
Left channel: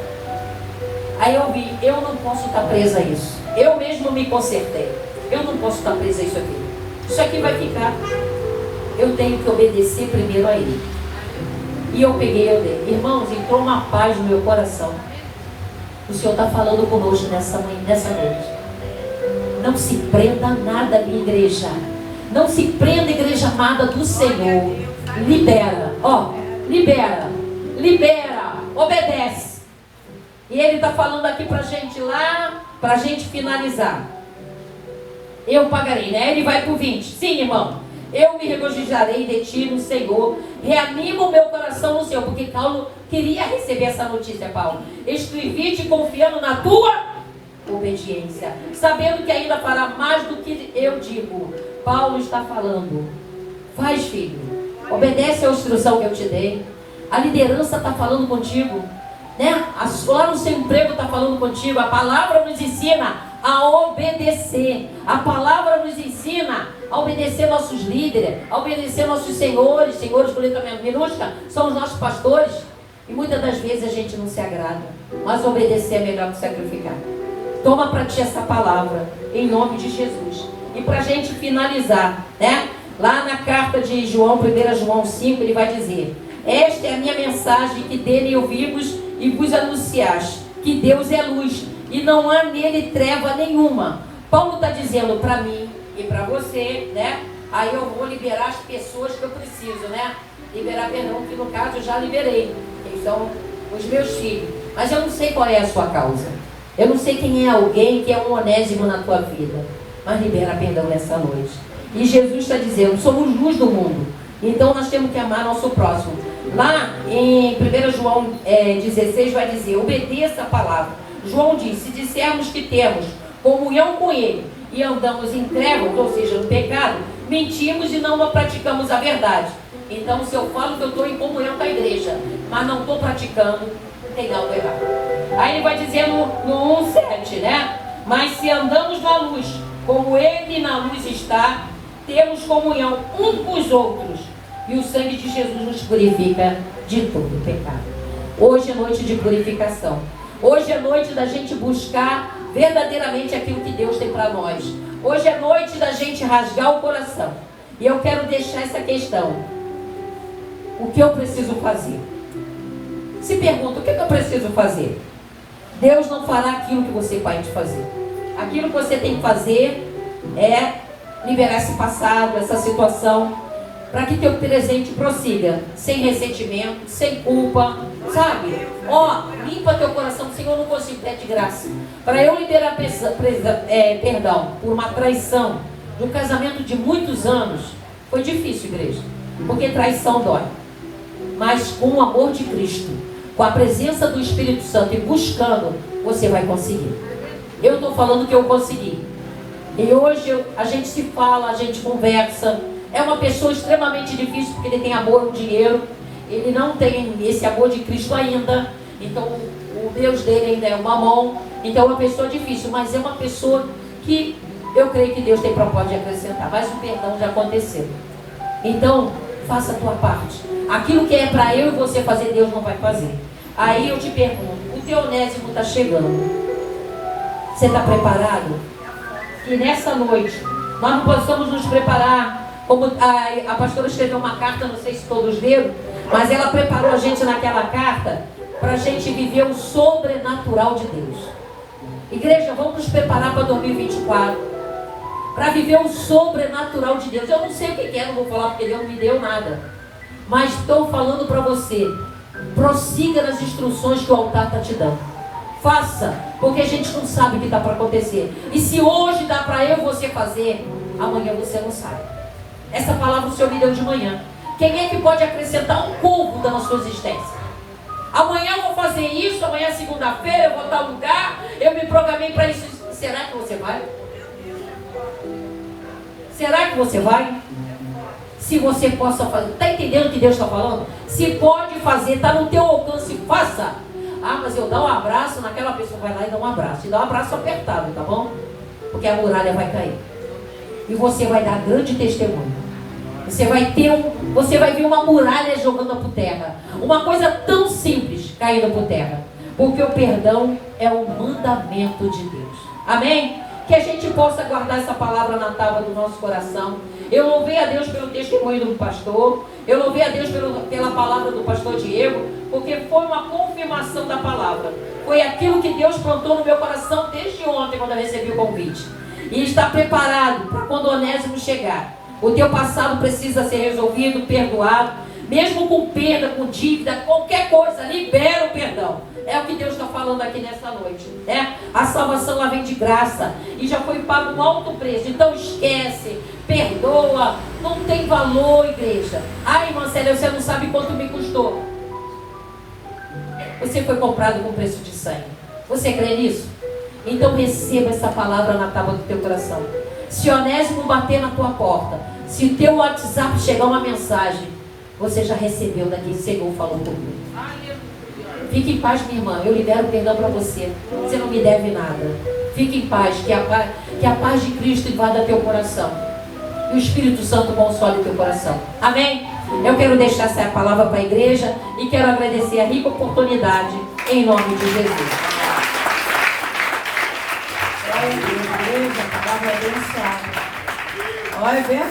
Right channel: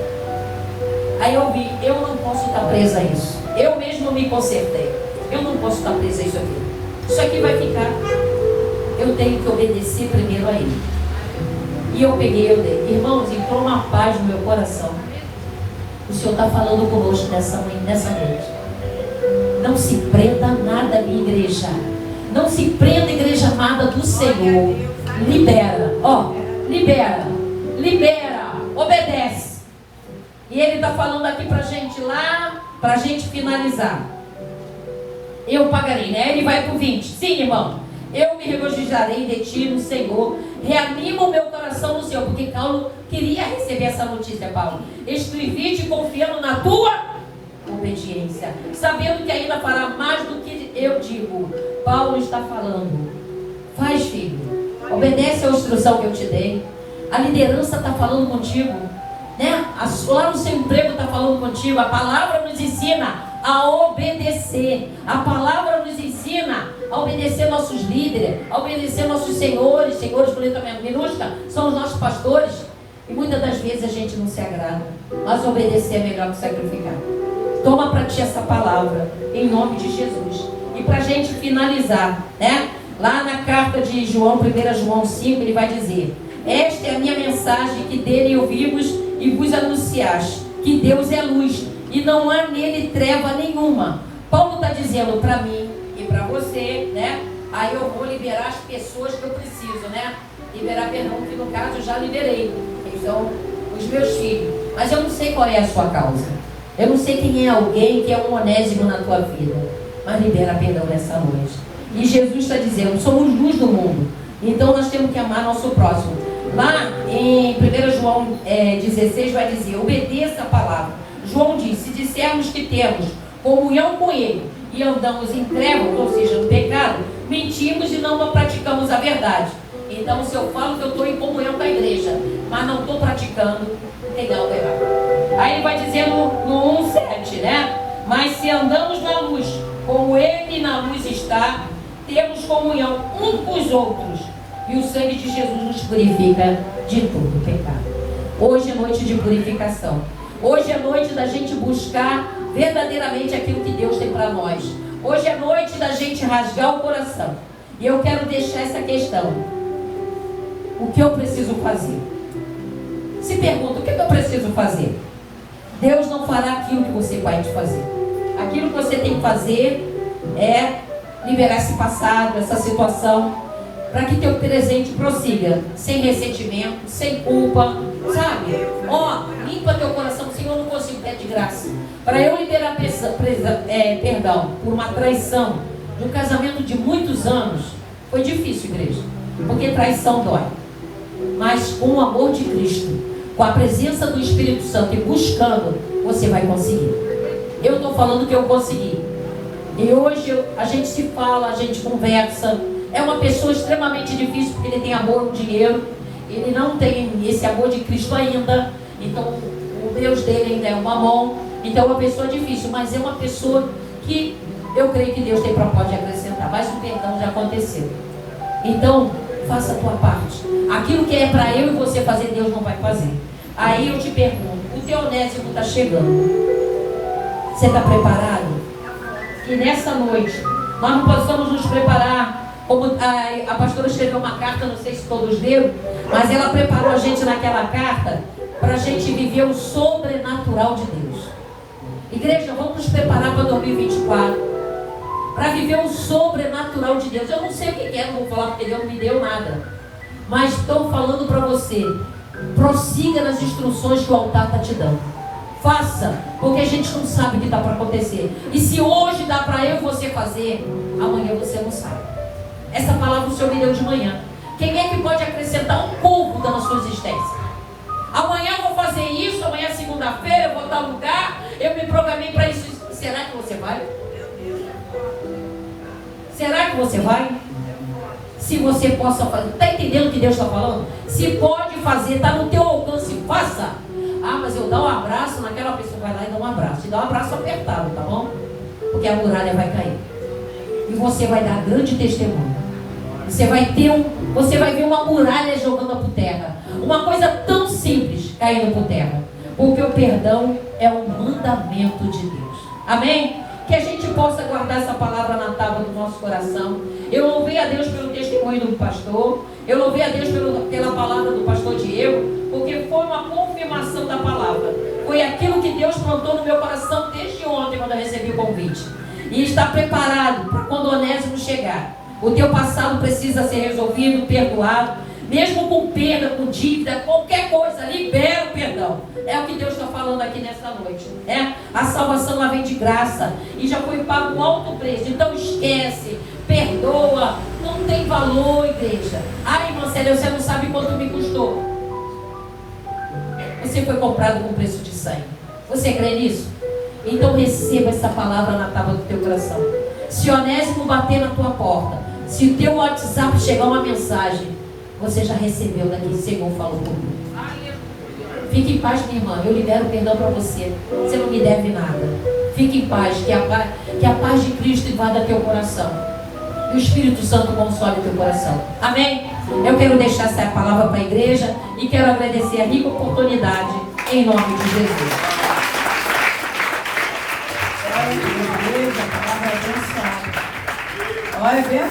Aí eu vi: eu não posso estar presa a isso. Eu mesmo me consertei. Eu não posso estar presa a isso aqui. Isso aqui vai ficar. Eu tenho que obedecer primeiro a Ele. E eu peguei, eu dei. Irmãos, entrou uma paz no meu coração. O Senhor está falando conosco nessa noite. Não se prenda a nada, minha igreja. Não se prenda, igreja amada do Senhor. Libera, libera, obedece. E Ele está falando aqui para a gente lá, para a gente finalizar. Eu pagarei, né? Ele vai para o 20. Sim, irmão. Eu me regozijarei de ti no Senhor. Reanima o meu coração no Senhor. Porque Paulo queria receber essa notícia, Paulo. Escrevi-te confiando na tua obediência, sabendo que ainda fará mais do que eu digo. Paulo está falando: faz, filho, obedece à instrução que eu te dei. A liderança está falando contigo, né? Lá no seu emprego está falando contigo. A palavra nos ensina a obedecer. A palavra nos ensina a obedecer nossos líderes, a obedecer nossos senhores com letra minúscula, são os nossos pastores. E muitas das vezes a gente não se agrada, mas obedecer é melhor que sacrificar. Toma para ti essa palavra, em nome de Jesus. E para a gente finalizar, né? Lá na carta de João, 1 João 5, ele vai dizer: esta é a minha mensagem que dele ouvimos e vos anunciaste, que Deus é luz e não há nele treva nenhuma. Paulo está dizendo para mim e para você, né? Aí eu vou liberar as pessoas que eu preciso, né? Liberar perdão, que no caso eu já liberei. Eles são os meus filhos. Mas eu não sei qual é a sua causa. Eu não sei quem é alguém que é um onésimo na tua vida. Mas libera perdão nessa noite. E Jesus está dizendo: somos luz do mundo. Então nós temos que amar nosso próximo. Lá em 1 João 16 vai dizer: obedeça a palavra. João diz: se dissermos que temos comunhão com Ele e andamos em trevas, ou seja, no pecado, mentimos e não praticamos a verdade. Então, se eu falo que eu estou em comunhão com a igreja, mas não estou praticando, tem algo errado. Aí ele vai dizendo no 1,7, né? Mas se andamos na luz, como Ele na luz está, temos comunhão uns com os outros, e o sangue de Jesus nos purifica de todo pecado. Hoje é noite de purificação. Hoje é noite da gente buscar verdadeiramente aquilo que Deus tem para nós. Hoje é noite da gente rasgar o coração. E eu quero deixar essa questão: o que eu preciso fazer? Se pergunta: o que eu preciso fazer? Deus não fará aquilo que você pode fazer. Aquilo que você tem que fazer é liberar esse passado, essa situação, para que teu presente prossiga, sem ressentimento, sem culpa, sabe? Limpa teu coração. Senhor, eu não consigo ter de graça. Para eu liberar perdão por uma traição de um casamento de muitos anos, foi difícil, igreja, porque traição dói. Mas com o amor de Cristo, com a presença do Espírito Santo e buscando, você vai conseguir. Eu estou falando que eu consegui. E hoje a gente se fala, a gente conversa. É uma pessoa extremamente difícil, porque ele tem amor no dinheiro. Ele não tem esse amor de Cristo ainda. Então o Deus dele ainda é o mamão. Então é uma pessoa difícil, mas é uma pessoa que eu creio que Deus tem propósito de acrescentar. Mas o perdão já aconteceu. Então faça a tua parte. Aquilo que é para eu e você fazer, Deus não vai fazer. Aí eu te pergunto: o teu onésimo está chegando. Você está preparado? E nessa noite nós não possamos nos preparar. Como a pastora escreveu uma carta, não sei se todos leram, mas ela preparou a gente naquela carta para a gente viver o sobrenatural de Deus. Igreja, vamos nos preparar para 2024, para viver o sobrenatural de Deus. Eu não sei o que é, não vou falar porque Deus não me deu nada, mas estou falando para você: prossiga nas instruções que o altar está te dando. Faça, porque a gente não sabe o que está para acontecer. E se hoje dá para eu e você fazer, amanhã você não sabe. Essa palavra o Senhor me deu de manhã. Quem é que pode acrescentar um pouco da sua existência? Amanhã eu vou fazer isso, amanhã é segunda-feira, eu vou a tal lugar, eu me programei para isso. Será que você vai? Será que você vai? Se você possa fazer. Está entendendo o que Deus está falando? Se pode fazer, está no teu alcance, faça. Ah, mas eu dou um abraço naquela pessoa. Vai lá e dá um abraço. E dá um abraço apertado, tá bom? Porque a muralha vai cair. E você vai dar grande testemunho. Você vai ver uma muralha jogando por terra. Uma coisa tão simples caindo por terra. Porque o perdão é o mandamento de Deus. Amém? Que a gente possa guardar essa palavra na tábua do nosso coração. Eu louvei a Deus pelo testemunho do pastor. Eu louvei a Deus pela palavra do pastor Diego. Porque foi uma confirmação da palavra. Foi aquilo que Deus plantou no meu coração desde ontem, quando eu recebi o convite. E está preparado para quando o onésimo chegar. O teu passado precisa ser resolvido, perdoado. Mesmo com perda, com dívida, qualquer coisa, libera o perdão. É o que Deus está falando aqui nessa noite, né? A salvação ela vem de graça e já foi pago um alto preço. Então esquece, perdoa, não tem valor, igreja. Ai, irmã Célia, você não sabe quanto me custou. Você foi comprado com preço de sangue. Você crê nisso? Então receba essa palavra na tábua do teu coração. Se o Onésimo bater na tua porta, se o teu WhatsApp chegar uma mensagem, você já recebeu daquele que o Senhor falou comigo. Fique em paz, minha irmã. Eu libero perdão para você. Você não me deve nada. Fique em paz, que a paz de Cristo invada teu coração. E o Espírito Santo console o teu coração. Amém? Eu quero deixar essa palavra para a igreja e quero agradecer a rica oportunidade em nome de Jesus. Igreja, palavra abençoada. Olha, vem a